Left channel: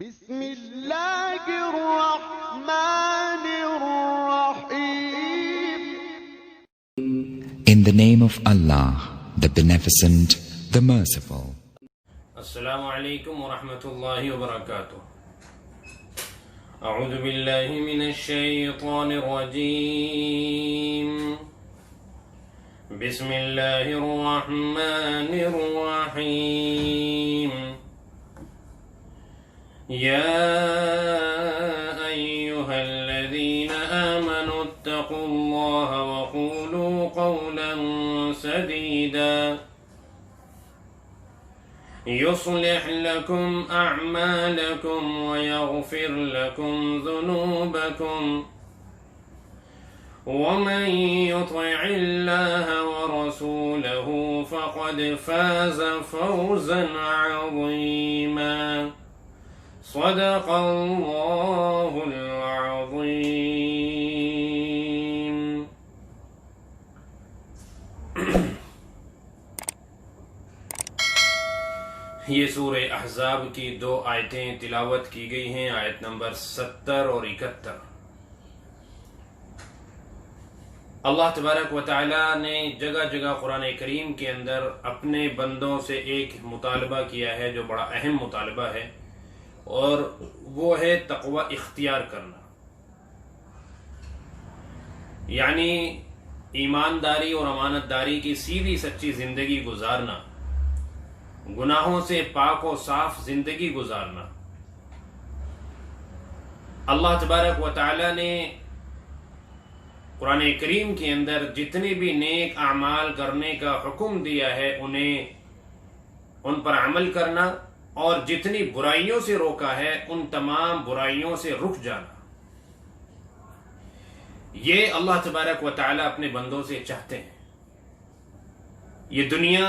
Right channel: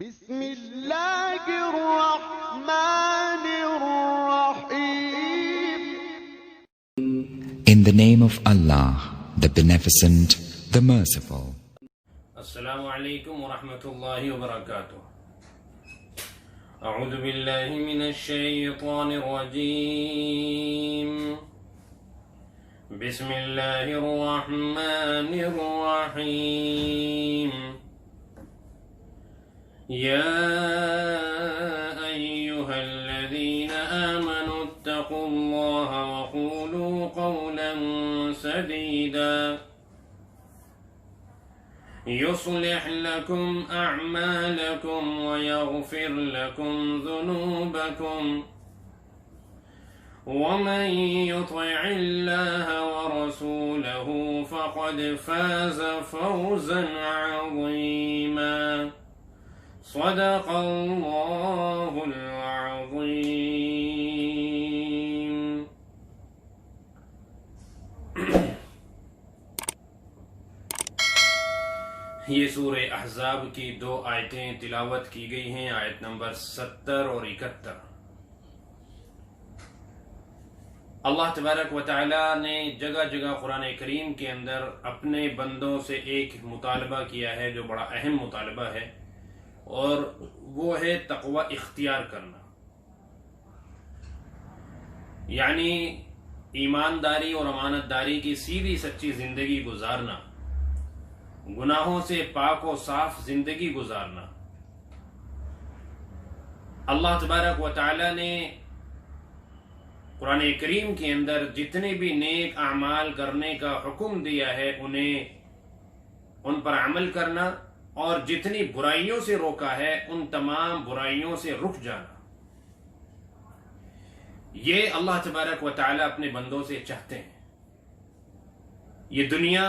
بسم اللہ الرحمن الرحیم. In the name of Allah, the Beneficent, the Merciful. السلام علیکم ورحمۃ اللہ وبرکاتہ. اعوذ باللہ من الشیطان الرجیم. بسم اللہ الرحمن الرحیم. یا ایہا الذین آمنوا اتقوا اللہ وقولوا قولا سدیدا يصلح لكم أعمالكم ويغفر لكم ذنوبكم ومن يطع الله ورسوله فقد فاز فوزا عظيما. صدق الله العظيم. یہ سورہ احزاب کی 2 آیتیں تلاوت کی گئی ہیں، آیت نمبر 70 اور 71. اللہ تبارک و تعالی نے جگہ جگہ قرآن کریم کے اندر اپنے بندوں سے ایک مطالبہ کیا ہے جو بڑا اہم مطالبہ ہے، اور وہ ہے تقوی اختیار کرنا، یعنی ایمانداری اور امانت داری کی سیدھی سچی زندگی گزارنا، گناہوں سے پاک و صاف زندگی گزارنا. اللہ تبارک و تعالی نے قرآن کریم کے اندر جتنے بھی نیک اعمال کرنے کا حکم دیا ہے ان پر عمل کرنا، اور جتنی برائیوں سے روکا ہے ان تمام برائیوں سے رک جانا. یہ اللہ تبارک و تعالی اپنے بندوں سے چاہتے ہیں. یہ دنیا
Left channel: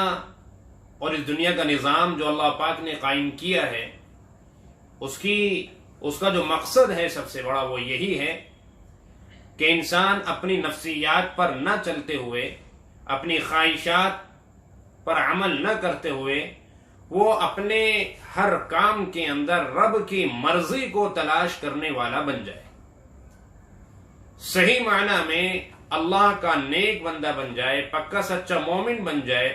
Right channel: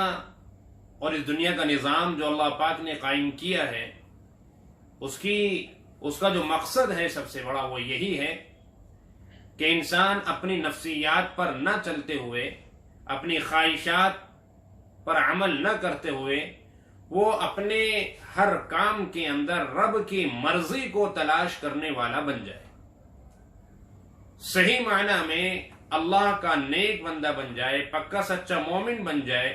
اور اس دنیا کا نظام جو اللہ پاک نے قائم کیا ہے، اس کا جو مقصد ہے سب سے بڑا وہ یہی ہے کہ انسان اپنی نفسیات پر نہ چلتے ہوئے، اپنی خواہشات پر عمل نہ کرتے ہوئے، وہ اپنے ہر کام کے اندر رب کی مرضی کو تلاش کرنے والا بن جائے، صحیح معنی میں اللہ کا نیک بندہ بن جائے، پکا سچا مومن بن جائے،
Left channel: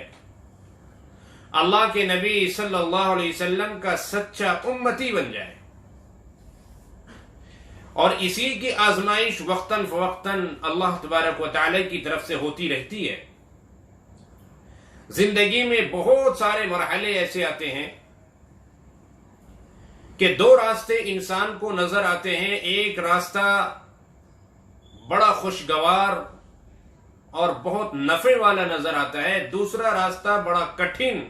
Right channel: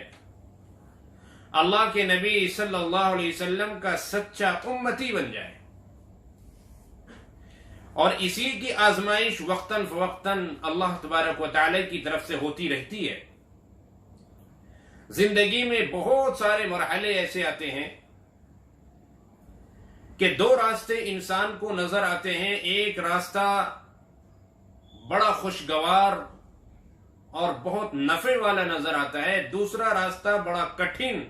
اللہ کے نبی صلی اللہ علیہ وسلم کا سچا امتی بن جائے. اور اسی کی آزمائش وقتاً فوقتاً اللہ تبارک و تعالی کی طرف سے ہوتی رہتی ہے. زندگی میں بہت سارے مرحلے ایسے آتے ہیں کہ 2 راستے انسان کو نظر آتے ہیں. ایک راستہ بڑا خوشگوار اور بہت نفع والا نظر آتا ہے، دوسرا راستہ بڑا کٹھن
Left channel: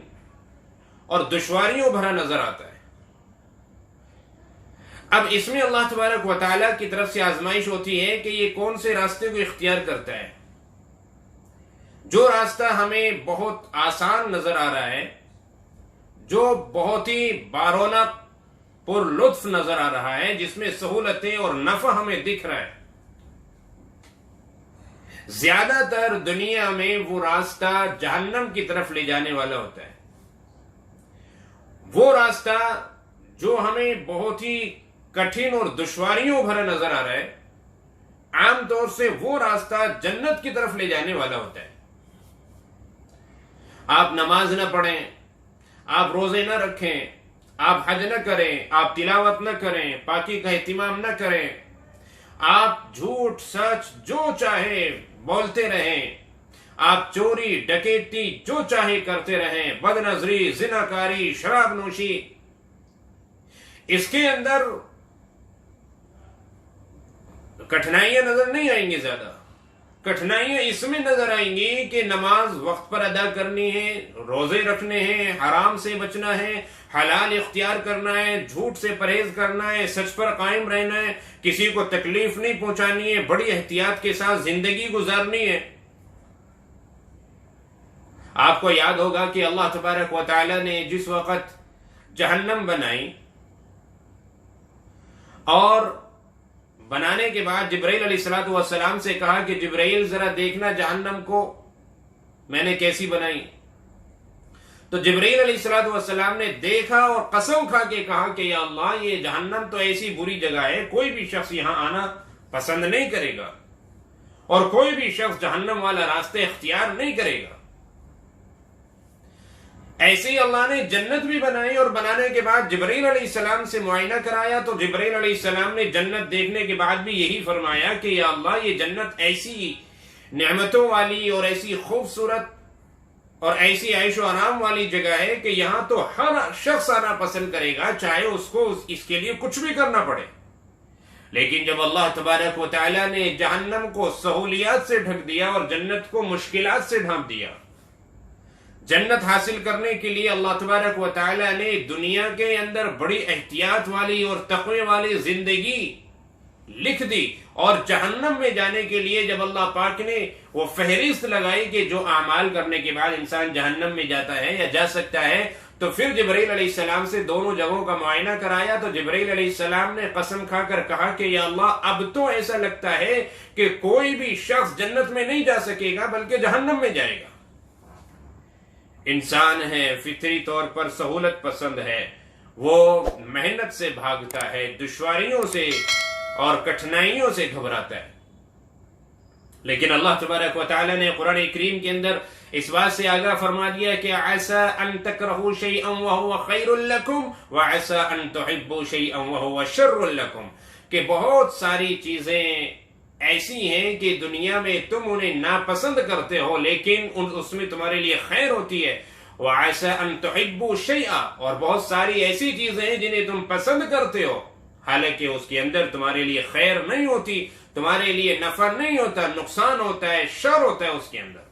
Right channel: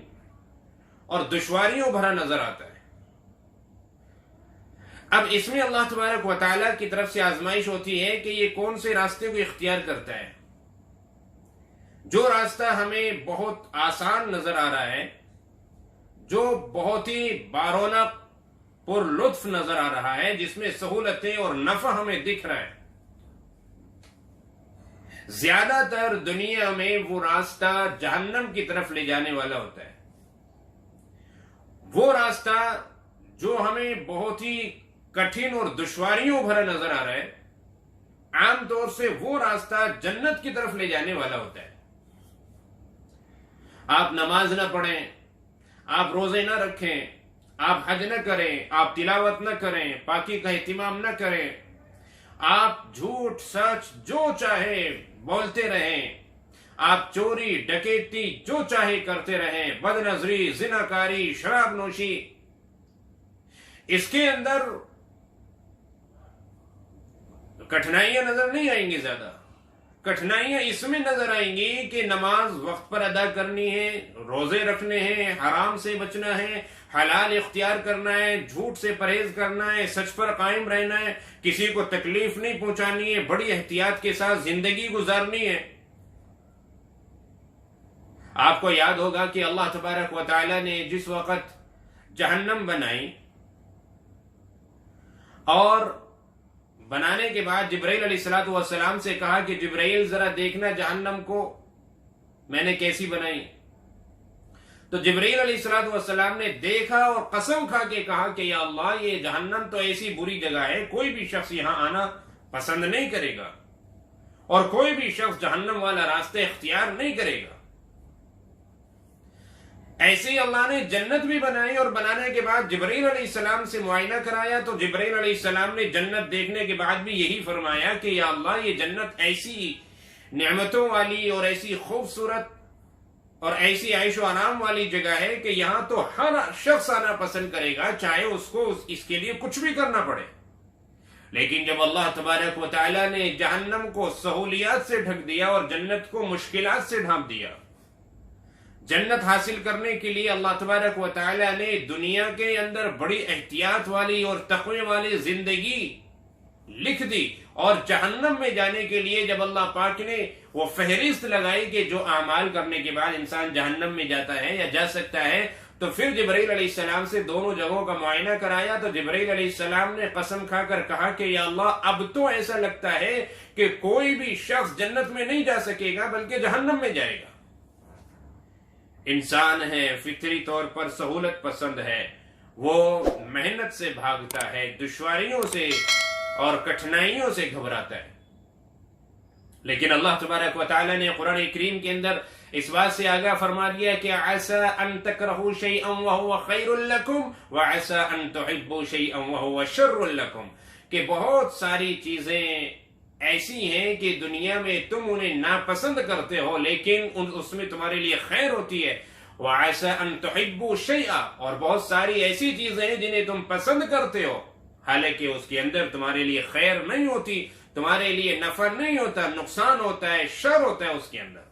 اور دشواریوں بھرا نظر آتا ہے. اب اس میں اللہ تبارک و تعالیٰ کی طرف سے آزمائش ہوتی ہے کہ یہ کون سے راستے کو اختیار کرتا ہے. جو راستہ ہمیں بہت آسان نظر آ رہا ہے، جو بہت ہی بارونق پر لطف نظر آ رہا ہے، جس میں سہولتیں اور نفع ہمیں دکھ رہا ہے، زیادہ تر دنیا میں وہ راستہ جہنم کی طرف لے جانے والا ہوتا ہے. وہ راستہ جو ہمیں بہت ہی کٹھن اور دشواریوں بھرا نظر آ رہا ہے، عام طور سے وہ راستہ جنت کی طرف لے جانے والا ہوتا ہے. آپ نماز نہ پڑھیں، آپ روزے نہ رکھیں، آپ حج نہ کریں، آپ تلاوت نہ کریں، پاکی کا اہتمام نہ کریں، آپ جھوٹ سچ جو چاہے بولتے رہیں، آپ چوری ڈکیتی جو چاہے کرتے رہیں، بد نظری، زناکاری، شراب نوشی، اس کے اندر کٹھنائیاں نظر نہیں آئیں گی. زیادہ کٹھنائیاں اس میں نظر آئیں گی کہ نماز وقت پر ادا کرنی ہے، روزے رکھنے ہیں، حرام سے بچنا ہے، حلال اختیار کرنا ہے، جھوٹ سے پرہیز کرنا ہے، سچ پر قائم رہنا ہے، کسی کو تکلیف نہیں پہنچانی ہے، بڑی احتیاط کے ساتھ زندگی گزارنی ہے. آپ کو یاد ہوگا کہ اللہ تبارک و تعالی نے جس وقت جہنم بنائی اور بنانے کے بعد جبرائیل علیہ السلام سے کہا کہ جبرائیل ذرا دیکھنا جہنم کو میں نے کیسی بنائی. تو جبرائیل علیہ السلام نے دیکھا اور قسم کھا کے کہا کہ یا اللہ یہ جہنم تو ایسی بری جگہ ہے، کوئی بھی شخص یہاں آنا پسند نہیں کرے گا اور کوئی بھی شخص جہنم والا راستہ اختیار نہیں کرے گا۔ ایسے ہی اللہ نے جنت بھی بنائی، اور بنانے کے بعد جبرائیل علیہ السلام سے معائنہ کرایا تو جبرائیل علیہ السلام نے جنت دیکھنے کے بعد بھی یہی فرمایا کہ یا اللہ یہ جنت ایسی نعمتوں والی اور ایسی خوبصورت اور ایسی عیش و آرام والی جگہ ہے کہ یہاں تو ہر شخص آنا پسند کرے گا، چاہے اس کو اس کے لیے کچھ بھی کرنا پڑے۔ لیکن جب اللہ تبارک و تعالیٰ نے جہنم کو سہولیات سے ڈھک دیا اور جنت کو مشکلات سے ڈھانپ دیا، جنت حاصل کرنے کے لیے اللہ تبارک و تعالیٰ نے دنیا کے اندر بڑی احتیاط والی اور تقوی والی زندگی لکھ دی، اور جہنم میں جانے کے لیے جب اللہ پاک نے وہ فہرست لگائی کہ جو اعمال کرنے کے بعد انسان جہنم میں جاتا ہے یا جا سکتا ہے، تو پھر جبرائیل علیہ السلام سے دونوں جگہوں کا معائنہ کرایا تو جبرائیل علیہ السلام نے قسم کھا کر کہا کہ یا اللہ اب تو ایسا لگتا ہے کہ کوئی بھی شخص جنت میں نہیں جا سکے گا بلکہ جہنم میں جائے گا۔ انسان ہے، فطری طور پر سہولت پسند ہے، وہ محنت سے بھاگتا ہے، دشواریوں سے اور کٹھنائیوں سے گھبراتا ہے، لیکن اللہ تبارک و تعالی نے قرآن کریم کے اندر اس بات سے آگاہ فرما دیا کہ عَسَىٰ أَن تَكْرَهُوا شَيْئًا وَهُوَ خَيْرٌ لَكُمْ وَعَسَىٰ أَن تُحِبُّوا شَيْئًا وَهُوَ شَرٌ لَكُمْ، کہ بہت ساری چیزیں ایسی ہیں کہ دنیا میں تم انہیں ناپسند کرتے ہو لیکن اس میں تمہارے لیے خیر ہوتی ہے، وَعَسَىٰ أَن تُحِبُّوا شَيْئًا، اور بہت ساری ایسی چیزیں ہیں جنہیں تم پسند کرتے ہو حالانکہ اس کے اندر تمہارے لیے خیر نہیں ہوتی، تمہارے لیے نفع نہیں ہوتا، نقصان ہوتا ہے، شر ہوتا ہے اس کے اندر۔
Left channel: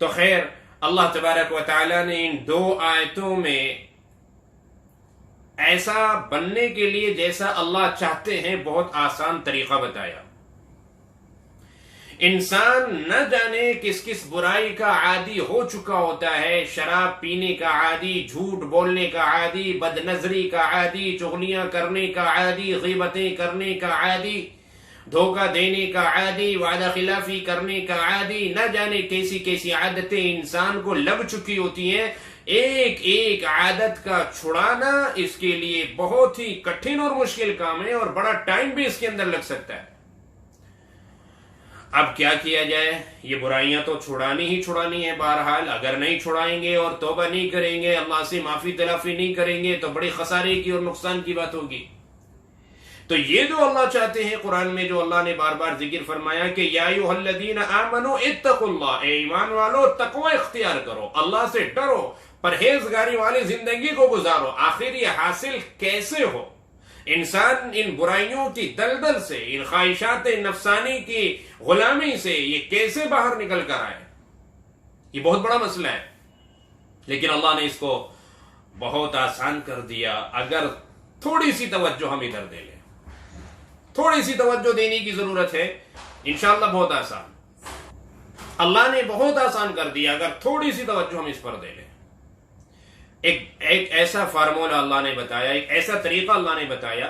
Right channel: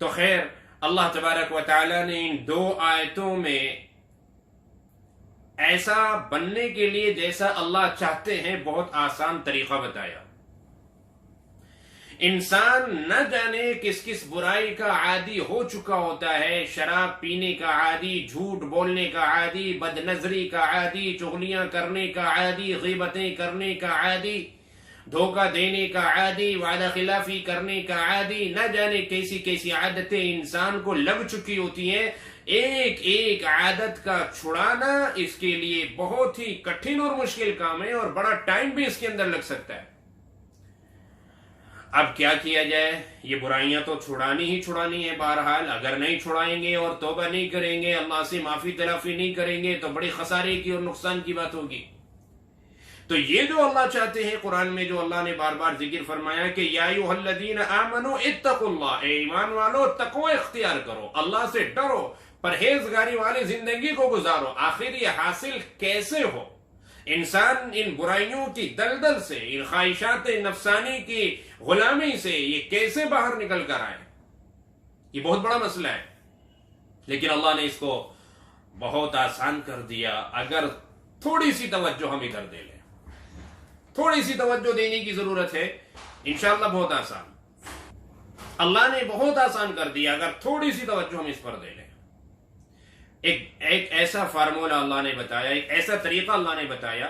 تو خیر، اللہ تبارک و تعالیٰ نے ان دو آیتوں میں ایسا بننے کے لیے جیسا اللہ چاہتے ہیں بہت آسان طریقہ بتایا۔ انسان نہ جانے کس کس برائی کا عادی ہو چکا ہوتا ہے، شراب پینے کا عادی، جھوٹ بولنے کا عادی، بد نظری کا عادی، چغلیاں کرنے کا عادی، غیبتیں کرنے کا عادی، دھوکہ دینے کا عادی، وعدہ خلافی کرنے کا عادی، نہ جانے کیسی کیسی عادتیں انسان کو لگ چکی ہوتی ہیں۔ ایک ایک عادت کا چھڑانا اس کے لیے بہت ہی کٹھن اور مشکل کام ہے اور بڑا ٹائم بھی اس کے اندر لگ سکتا ہے۔ اب کیا کیا جائے؟ یہ برائیاں تو چھڑانی ہی چھڑانی ہے، بہرحال اگر نہیں چھڑائیں گے اور توبہ نہیں کریں گے، اللہ سے معافی تلافی نہیں کریں گے تو بڑی خسارے کی اور نقصان کی بات ہوگی۔ تو یہ جو اللہ چاہتے ہیں قرآن میں جو اللہ نے بار بار ذکر فرمایا کہ یا ایھا الذین آمنوا اتقوا اللہ، اے ایمان والو تقوی اختیار کرو، اللہ سے ڈرو، پرہیزگاری والی زندگی کو گزارو۔ آخر یہ حاصل کیسے ہو؟ انسان ان برائیوں کی دلدل سے، ان خواہشات نفسانی کی غلامی سے یہ کیسے باہر نکل کر آئے؟ یہ بہت بڑا مسئلہ ہے، لیکن اللہ نے اس کو بہت آسان کر دیا اگر تھوڑی سی توجہ ہم ادھر دے لیں۔ تھوڑی سی توجہ دینے کی ضرورت ہے، انشاءاللہ بہت آسان، اللہ نے بہت آسان کر دیا اگر تھوڑی سی توجہ ہم اس پر دے لیں۔ ایک ایسا فارمولہ اللہ نے بتایا، ایک ایسا طریقہ اللہ نے بتایا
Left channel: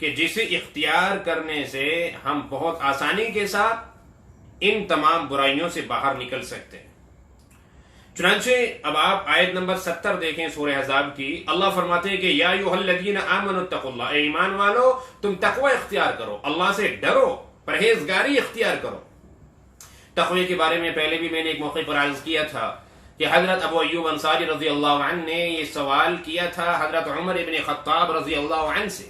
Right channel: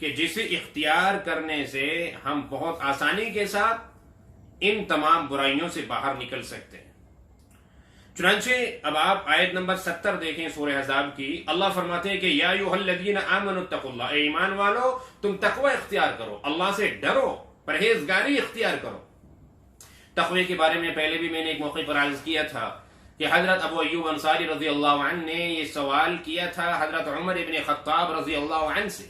کہ جسے اختیار کرنے سے ہم بہت آسانی کے ساتھ ان تمام برائیوں سے باہر نکل سکتے ہیں۔ چنانچہ اب آپ آیت نمبر 70 دیکھیں سورہ احزاب کی، اللہ فرماتے ہیں کہ یا ایھا الذین آمنوا اتقوا اللہ، اے ایمان والو تم تقوی اختیار کرو، اللہ سے ڈرو، پرہیزگاری اختیار کرو۔ تقوی کے بارے میں پہلے بھی میں نے ایک موقع پر عرض کیا تھا کہ حضرت ابو ایوب انصاری رضی اللہ عنہ نے یہ سوال کیا تھا حضرت عمر ابن خطاب رضی اللہ عنہ سے،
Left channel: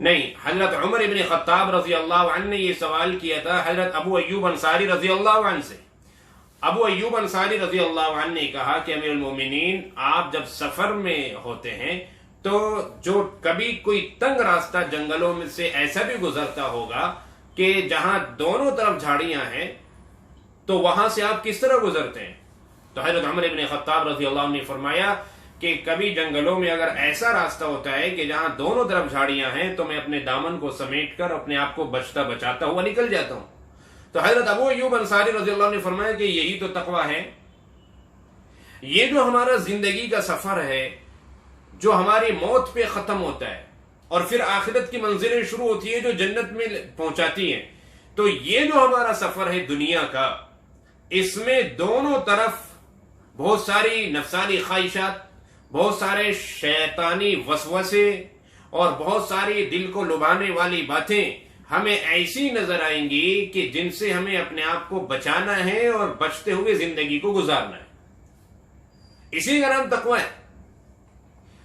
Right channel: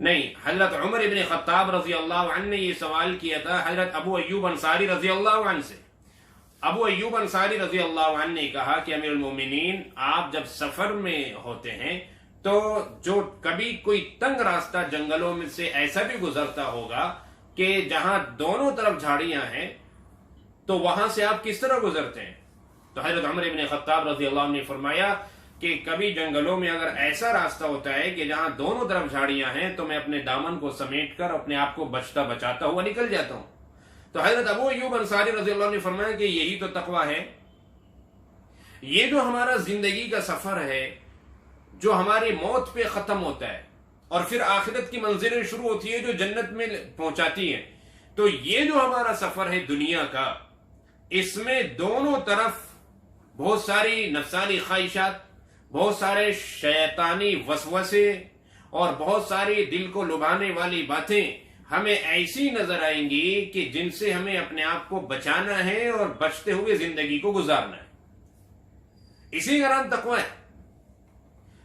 نہیں، حضرت عمر ابن خطاب رضی اللہ عنہ نے یہ سوال کیا تھا حضرت ابو ایوب انصاری رضی اللہ عنہ سے۔ ابو ایوب انصاری رضی اللہ عنہ نے کہا کہ امیر المومنین، آپ جب سفر میں ہوتے ہیں تو جو کبھی کوئی تنگ راستہ جنگلوں میں سے ایسا بھی گزرتا ہوگا کہ جہاں دونوں طرف جھاڑیاں ہیں تو وہاں سے آپ کس طرح گزرتے ہیں؟ تو حضرت عمر ابن خطاب رضی اللہ عنہ نے فرمایا کہ کبھی جنگلوں میں اگر ایسا راستہ ہوتا ہے کہ جہاں دونوں طرف جھاڑیاں ہیں تو میں اپنے دامن کو سمیٹ کر اپنے آپ کو بچتا بچاتا ہوا نکل جاتا ہوں۔ تو حضرت ابو ایوب انصاری رضی اللہ عنہ نے فرمایا کہ یہی تو تقوی ہے، یہ جو ہمارا زندگی کا سفر ہے جو ہماری موت پہ ختم ہوتا ہے اور پھر آخرت کی منزلیں شروع ہوتی ہے جو جنت میں پہنچاتی ہیں، تو یہ جو ہمارا سفر ہے دنیا کا، اس میں دونوں طرف بہت ساری نفسانی خواہشات، بہت سارے شیطانی وسوسے اور بہت ساری دل کو لبھانے والی باتیں ہمیں ایسی نظر آئیں گی کہ جن سے ہمیں اپنے آپ کو بچانا ہے اور بچتے ہوئے زندگی کو گزارنا ہے. اسی کا نام تقوی ہے.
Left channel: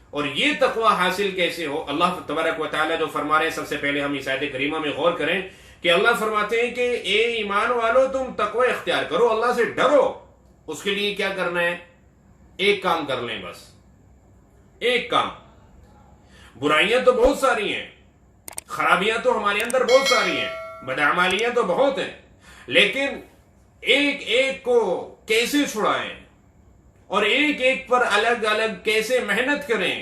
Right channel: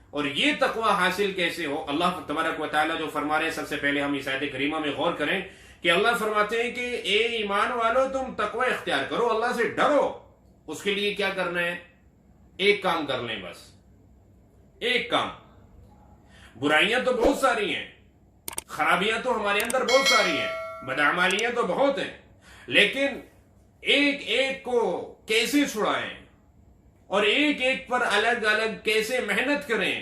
اور یہ تقوی حاصل کیسے ہو؟ اللہ تبارک و تعالیٰ جو فرما رہے ہیں، سب سے پہلے ہم اس آیت کریمہ میں غور کریں کہ اللہ فرماتے ہیں کہ اے ایمان والو تم تقوی اختیار کرو، اللہ سے ڈرو. اس کے لیے کیا کرنا ہے؟ ایک کام کر لیں، بس ایک کام. برائیاں تو بہت ساری ہیں، خرابیاں تو ہمارے اندر بہت ساری ہیں، بدعمالیاں تو بہت ہیں، لیکن ایک ایک کو کیسے چھڑائیں اور ایک ایک پر الگ الگ کیسے محنت کریں؟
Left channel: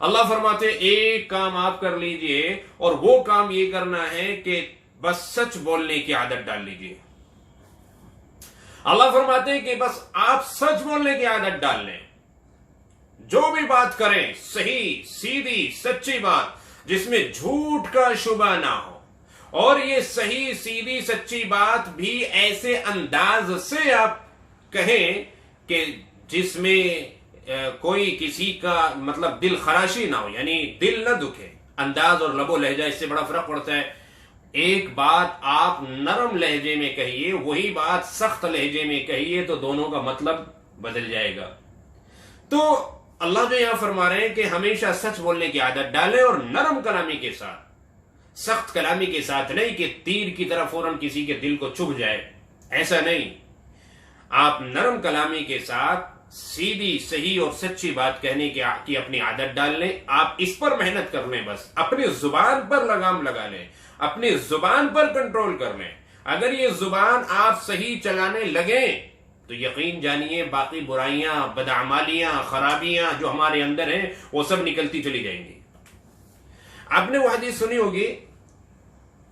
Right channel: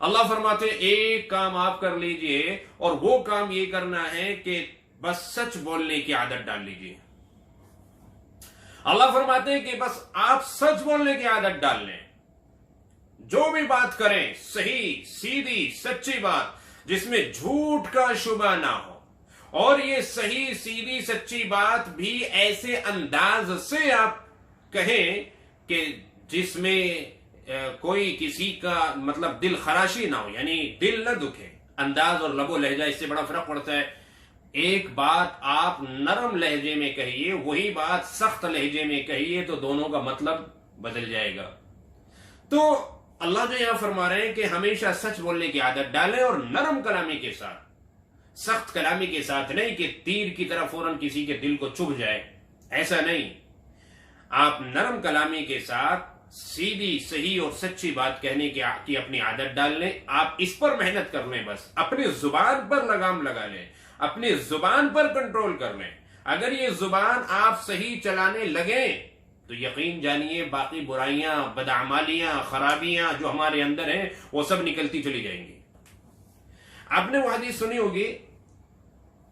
اللہ فرماتے ایک کام آپ کر لیجئے، اور وہ کام یہ کرنا ہے کہ بس سچ بولنے کی عادت ڈال لیجئے. اللہ فرماتے ہیں کہ بس آپ سچ بولنے کی عادت ڈال لیں. جو بھی بات کریں صحیح سیدھی سچی بات جس میں جھوٹ کا شبہ نہ ہو، اور یہ صحیح سیدھی سچی بات بھی ایسے انداز سے آپ کہیں کہ جس میں کوئی کسی کا مطلب دل خراشی نہ ہو، یعنی دل نہ دکھے. انداز اور لب و لہجہ اس سے بڑا فرق پڑتا ہے. ایک بات آپ نرم لہجے میں کہیے، وہی بات سخت لہجے میں کہیے تو دونوں کا مطلب بدل جائے گا. تو اللہ جو یہاں فرما رہے ہیں کہ ہمیشہ سچ بولنے کی عادت ڈالیں، اور نرم کلامی کے ساتھ، سخت کلامی کے ساتھ نہیں کہ تیر کی طرح فوراً کسی کے دل کو چبھ جائے. ایسا نہیں. آپ نرم کلامی کے ساتھ سیدھی صحیح اور سچی بات کہنے کی اپنی عادت ڈال لیں. آپ اس پر محنت کر لیں، بس اپنی زبان پر لگام لگا لیں، اپنی زبان پر کنٹرول کر لیں. اگر یہ زبان آپ صحیح چلانے لگیں تو یقین جانیے باقی برائیاں، بدعمالیاں، خرابیاں جو ہمارے اندر ہیں وہ سب نکلتی چلی جائیں گی. آپ نے وہ حدیث سنی ہوگی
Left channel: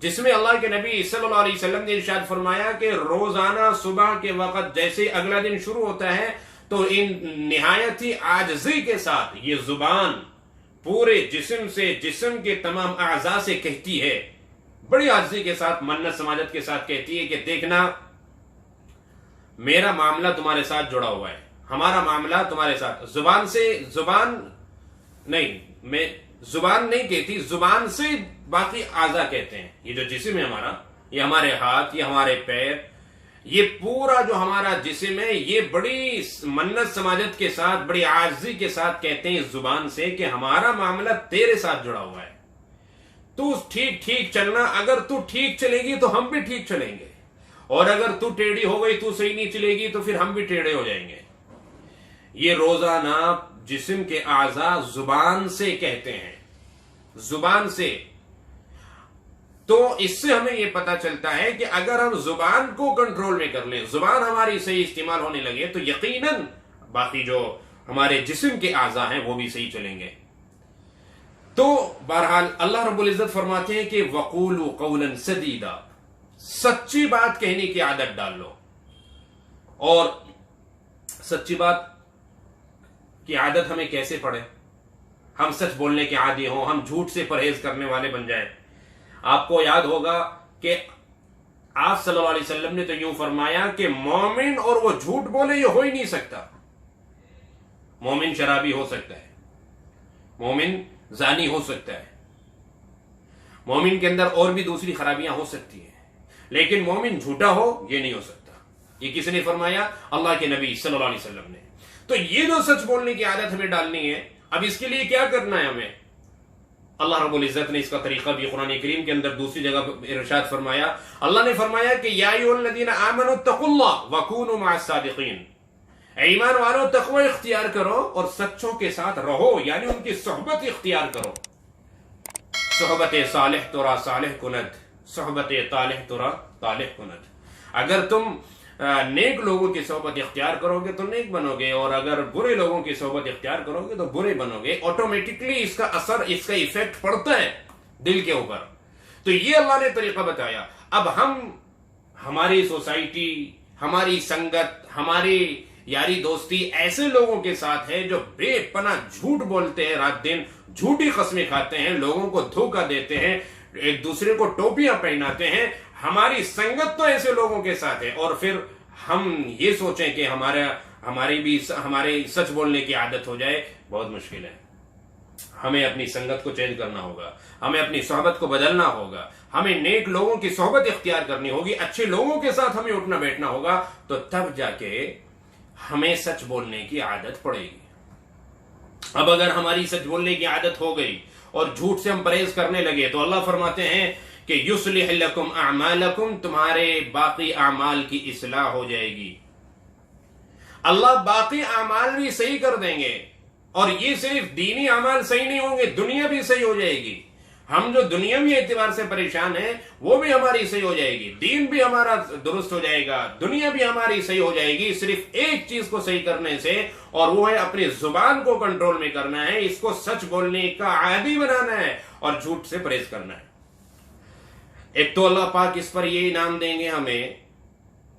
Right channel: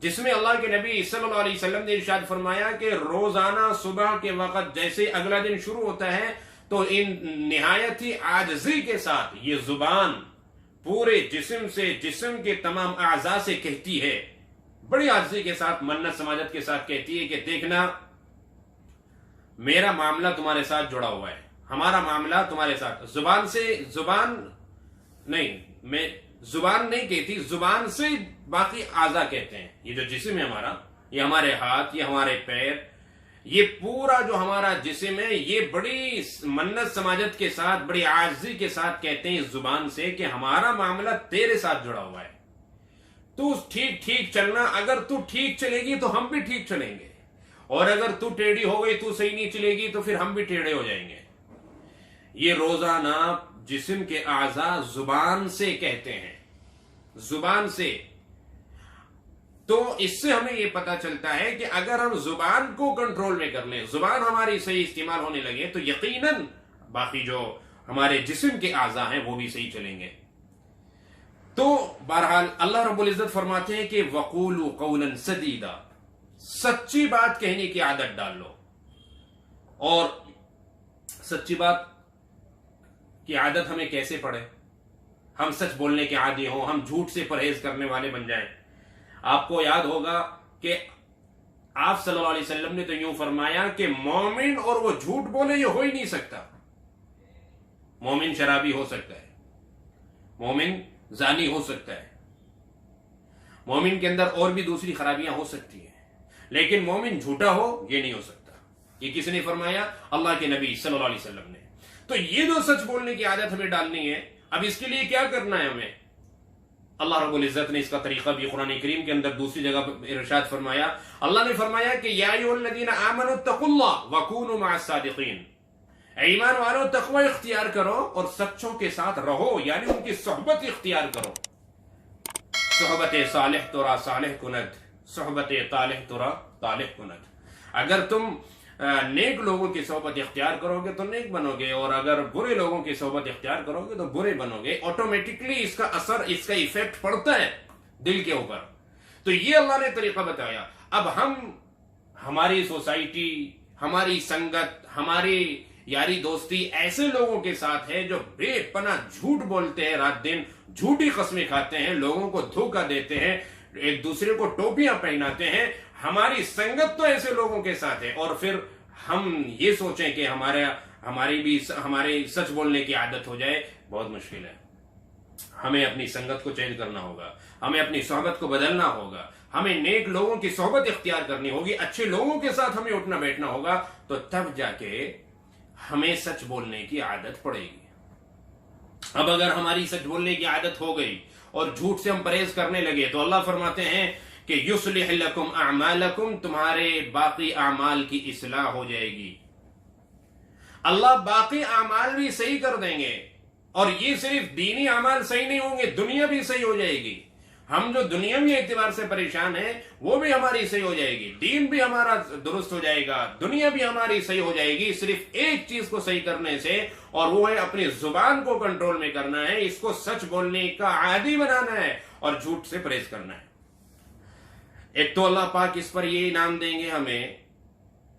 جس میں اللہ کے نبی صلی اللہ علیہ وسلم نے ارشاد فرمایا کہ روزانہ صبح کے وقت جیسے اگلا دن شروع ہوتا ہے تو ان نہایت ہی عاجزی کے ساتھ یہ زبان پورے جسم سے، جسم کے تمام اعضاء سے کہتی ہے، بڑی عاجزی کے ساتھ، منت سماجت کے ساتھ کہتی ہے کہ دیکھنا میرا معاملہ تمہارے ساتھ جڑا ہوا ہے، ہمارا معاملہ تمہارے ساتھ. زبان سے، زبان نہیں، میں زبان نہیں کہتی، زبان سے باقی اعضاء کہتے ہیں. یہ جو جسم ہے ہمارا، یہ ہمارے ہاتھ، یہ ہمارے پیر، یہ پورا جو ہمارا جسم ہے، یہ بڑی منت سماجت کے ساتھ، بڑی عاجزی کے ساتھ کہتے ہیں اس زبان سے کہ ہمارا معاملہ تیرے ساتھ جڑا ہوا ہے. تو ٹھیک ٹھیک چلنا، اگر تو ٹھیک چلے گی تو ہم بھی ٹھیک چلیں گے، اور اگر تو ٹیڑھی ہو گئی، تو صحیح نہیں چلے گی تو پھر ہم بھی ٹیڑھے ہو جائیں گے. یہ روزانہ جسم کے اعضاء زبان سے کہتے ہیں، زبان سے. تو اس سے ہمیں یہ پتا چلتا ہے کہ اگر ہم زبان کو کنٹرول میں کر لیں، زبان ہماری صحیح استعمال ہونے لگے تو یقیناً باقی جو ہمارے جسم کے اعضاء ہیں وہ بھی صحیح چلیں گے. تو بہرحال اللہ رب العزت فرماتے ہیں کہ وَقُولُوا قَوْلًا سَدِيدًا، سچی بات کہنے کی عادت ڈال لو. اور سچی بات کی عادت ہمیں کیسے پڑے؟ ہم سچ بولنے کے عادی ہوں، ہم جھوٹ سے پرہیز کرنے والے بن جائیں. آپ کو یاد ہوگا کہ آپ صلی اللہ علیہ وسلم نے تو یوں فرمایا کہ مومن اور وہ جھوٹ بولے یہ ہو ہی نہیں سکتا. مومن شرابی ہو سکتا ہے، مومن زانی ہو سکتا ہے، مومن کے اندر اور بھی دوسری خرابیاں ہو سکتی ہیں، لیکن مومن جھوٹا ہو یہ نہیں ہو سکتا. یہ کس نے فرمایا؟ اللہ کے نبی صلی اللہ علیہ وسلم نے. تو یہ جو سچ بولنے کی عادت ہمیں ڈالنی ہے، اب اس کے لیے کیا کرنا ہے ہمیں؟ اللہ رب العزت نے اس کا طریقہ بھی قرآن کریم کے اندر دوسری جگہ ارشاد فرمایا. اللہ نے فرمایا کہ یا ایھا الذین آمنوا اتقوا اللہ وکونوا مع الصادقین، اے ایمان والو تقوی اختیار کرو اور سچوں کے ساتھ رہو، یعنی ان کی صحبت اختیار کرو. صحبت صالح ترا صالح کند، صحبت طالح ترا طالح کند. اگر تم نیک لوگوں کی صحبت اختیار کرو گے تو نیک بنو گے، اور اگر برے لوگوں کی صحبت اختیار کرو گے تو برے بنو گے. آٹومیٹکلی اس کا اثر، اس کا ایفیکٹ پڑتا ہے دل کے اوپر. تو یہ اللہ نے طریقہ بتایا. اب ہماری سوسائٹی، ہماری سنگت، ہماری یاری دوستی ایسے لوگوں کے ساتھ ہے جو بے پناہ جھوٹ بولتے ہیں، رات دن جھوٹی قسمیں کھاتے ہیں، لوگوں کو دھوکہ دیتے ہیں، ایک دوسرے کو ٹوپیاں پہناتے ہیں. ہماری سنگت تو ایسے لوگوں کے ساتھ ہے، اور پھر ہم یہ سوچیں کہ ہماری سچ بولنے کی عادت ہو جائے بہت مشکل ہے. ہمیں اپنی سنگت کو چینج کرنا ہوگا, ہمیں اپنی صحبت کو بدلنا ہوگا, ہمیں نیک لوگوں کی صحبت اختیار کرنی ہوگی, اچھے لوگوں کے ساتھ ہمیں اٹھنا بیٹھنا ہوگا, تو تب جا کے ہمیں سچ بولنے کی عادت پڑے گی. اب اگر ہماری سچ بولنے کی عادت ہو گئی اور جھوٹ سے ہم پرہیز کرنے لگے تو اللہ فرماتے ہیں کہ یصلح لکم اعمالکم, تمہارے باقی اعمال کی اصلاح ہو جائے گی. اللہ باقی اعمال بھی صحیح کر دیں گے, اور یہ صرف دینی اعمال صحیح نہیں ہوں گے, دنیا بھی صحیح ہو جائے گی. ہم جو دنیاوی اعتبار سے پریشان ہیں وہ بھی ہماری صحیح ہو جائے گی, دین بھی ہمارا درست ہو جائے گا, دنیا بھی ہماری صحیح ہو جائے گی, صرف ایک چیز کو صحیح کرنے سے, اور وہ ہے اپنی زبان کو کنٹرول میں کرنا ہے, اس کو سچ بولنے کا عادی بنانا ہے اور جھوٹ سے پرہیز کرنا ہے. ایک تو اللہ پاک اس پر یہ انعام دیں گے ہمیں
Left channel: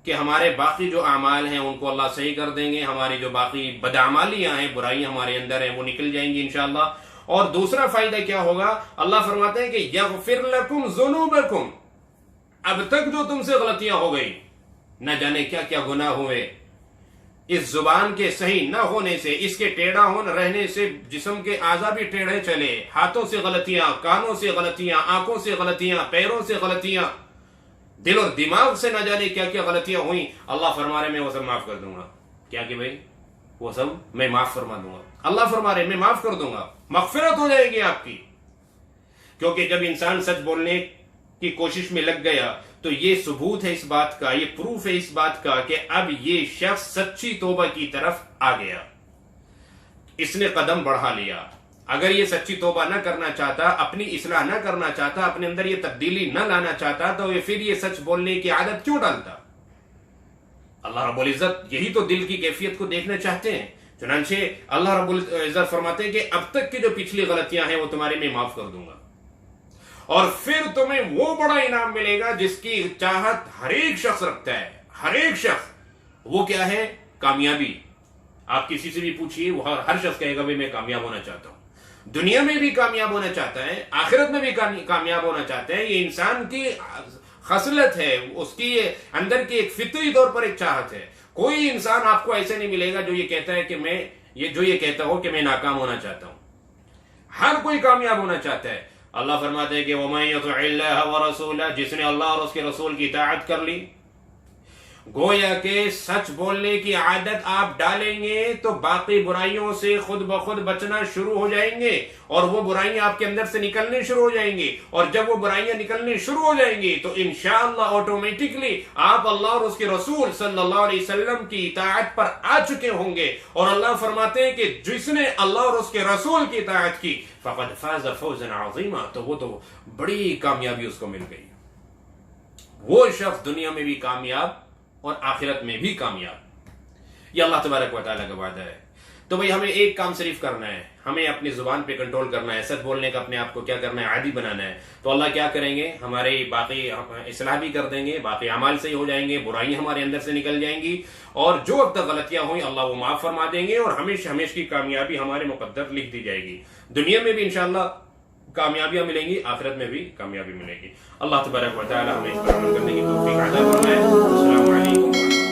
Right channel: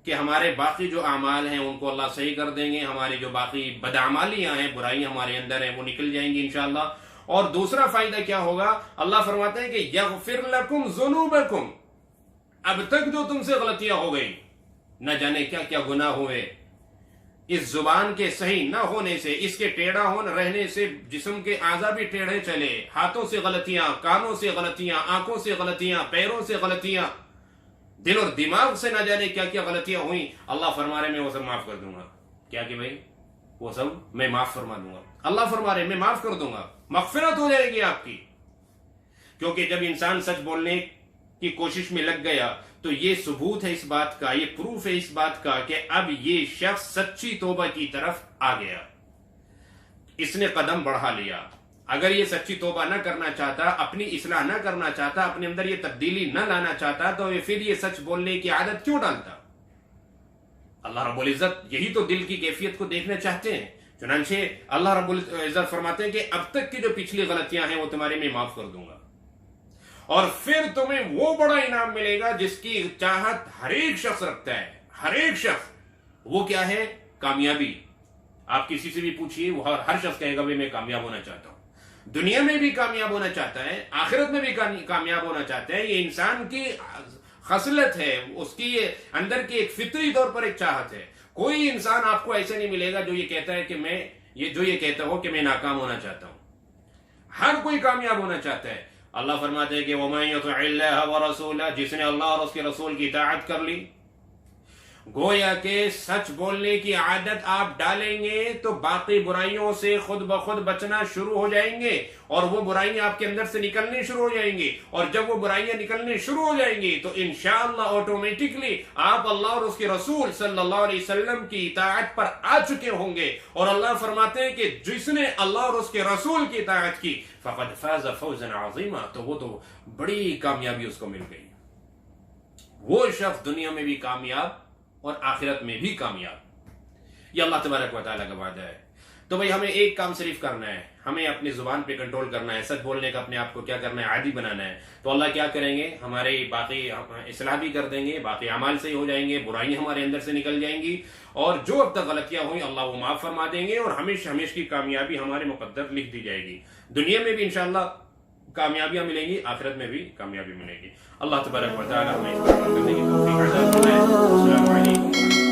کہ ہمارے باقی جو اعمال ہیں ان کو اللہ صحیح کر دیں گے, ہماری جو باقی بدعمالیاں ہیں, برائیاں ہمارے اندر ہیں, وہ نکل جائیں گی انشاءاللہ. اور دوسرا فائدہ کیا ہوگا, اللہ فرماتے ہیں کہ یغفر لکم ذنوبکم, اب تک جو تم سے غلطیاں ہو گئی, نہ جانے کیا کیا گناہ ہوئے, اس زبان کے صحیح نہ ہونے سے, اس کے ٹیڑھا رہنے سے جسم کے اعضاء بھی ٹیڑھے چلے, ہاتھوں سے غلطیاں, کانوں سے غلطیاں, آنکھوں سے غلطیاں, پیروں سے غلطیاں, دل اور دماغ سے نہ جانے کیا کیا غلطیاں ہوئیں, اللہ فرما رہے میں وہ سب معاف کر دوں گا. کیا کہ بھائی وہ سب میں معاف فرما دوں گا. اللہ فرما رہے میں معاف کر دوں گا, مغفرت ہو جائے گی آپ کی. کیونکہ جب انسان سچ بولنے کی کوشش میں لگ گیا تو یہ ثبوت ہے اس بات کا, یہ پروف ہے اس بات کا کہ اب یہ شخص سچی توبہ کی طرف آ گیا, اس نے قدم بڑھا لیا. اگر یہ سچی توبہ نہ کرنا چاہتا, اپنی اصلاح نہ کرنا چاہتا, اپنے اندر یہ تبدیلی نہ لانا چاہتا, تو پھر یہ سچ بولنے کی عادت کیوں ڈالتا؟ اللہ رب العزت یہی تو دل کی کیفیت کو دیکھنا چاہتے ہیں. چنانچہ اللہ رب العزت فرماتے ہیں کہ اب تک کی جو پچھلی غلطیاں ہیں وہ تمہارے میں معاف کر دوں گا, اور پھر تمہیں وہ بڑا انعام ملے گا جس کی چاہت ہر ایک شخص رکھتا ہے, ہر ایک شخص. وہ کیا ہے؟ کامیابی. آپ کسی سے بھی پوچھئے, وہ ہر شخص کہے گا بھی میں کامیاب ہونا چاہتا ہوں, دنیا میں بھی کامیاب ہونا چاہتا ہے, آخرت میں بھی کامیاب ہونا چاہتا ہے. یہ انسان کی خصلت ہے, اس کی اندر کی ایک فطری طور پر ایک چاہت ہے. کوئی انسان آپ کو ایسے نہیں ملے گا جو یہ کہتا ہے کہ یہ کہتا ہو کہ میں ناکام ہونا چاہتا ہوں. ہر کوئی کامیاب ہونا چاہتا ہے. اللہ فرماتے ہیں کہ وَمَن يُطِعِ اللَّهَ وَرَسُولَهُ, جس نے اللہ اور اس کے رسول کی اطاعت کر لی. گویا کہ سچ بولنے کی عادت آپ ڈالیں گے تو باقی برائیوں سے خود بخود بچنا شروع ہو جائیں گے, اور وہ برائیاں آپ کے اندر سے نکلنے شروع ہو جائیں گی. اور جب وہ برائیاں نکلنے شروع ہو جائیں گی تو انشاءاللہ آٹومیٹکلی آپ اللہ اور اس کے رسول صلی اللہ علیہ وسلم کی اطاعت پر آ چکے ہوں گے. اور اللہ فرماتے ہیں کہ جس نے اللہ اور اس کے رسول کی اطاعت کی فقد فاز فوزا عظیما, تو وہ تو بڑی کامیابی اس کو مل گئی. وہ شخص دنیا میں بھی کامیاب اور آخرت میں بھی کامیاب. یہ اللہ تبارک و تعالیٰ کا وعدہ ہے. تو بھئی ہمیں ایک کام صرف کرنا ہے, ہمیں اپنی زبان پہ کنٹرول کرنا ہے, سچ بولنے کا اپنے آپ کو کیا کرنا ہے, عادی بنانا ہے. تو اللہ کیا کریں گے, ہمارے باقی اصلاح بھی کر دیں گے, باقی اعمال صحیح ہو جائیں گے, برائیاں ہمارے اندر سے نکل جائیں گی, اور جو اب تک غلطیاں ہوئیں اللہ وہ معاف فرما دیں گے, اور ہمیشہ کی کامیابی ہمارے مقدر لکھ دی جائے گی. دنیا میں بھی انشاءاللہ کامیابیاں ملیں گی, آخرت میں بھی کامیابی ملے گی. اللہ تبارک و تعالیٰ ہمیں اس پر عمل کرنے کی توفیق عطا فرمائے. السلام علیکم.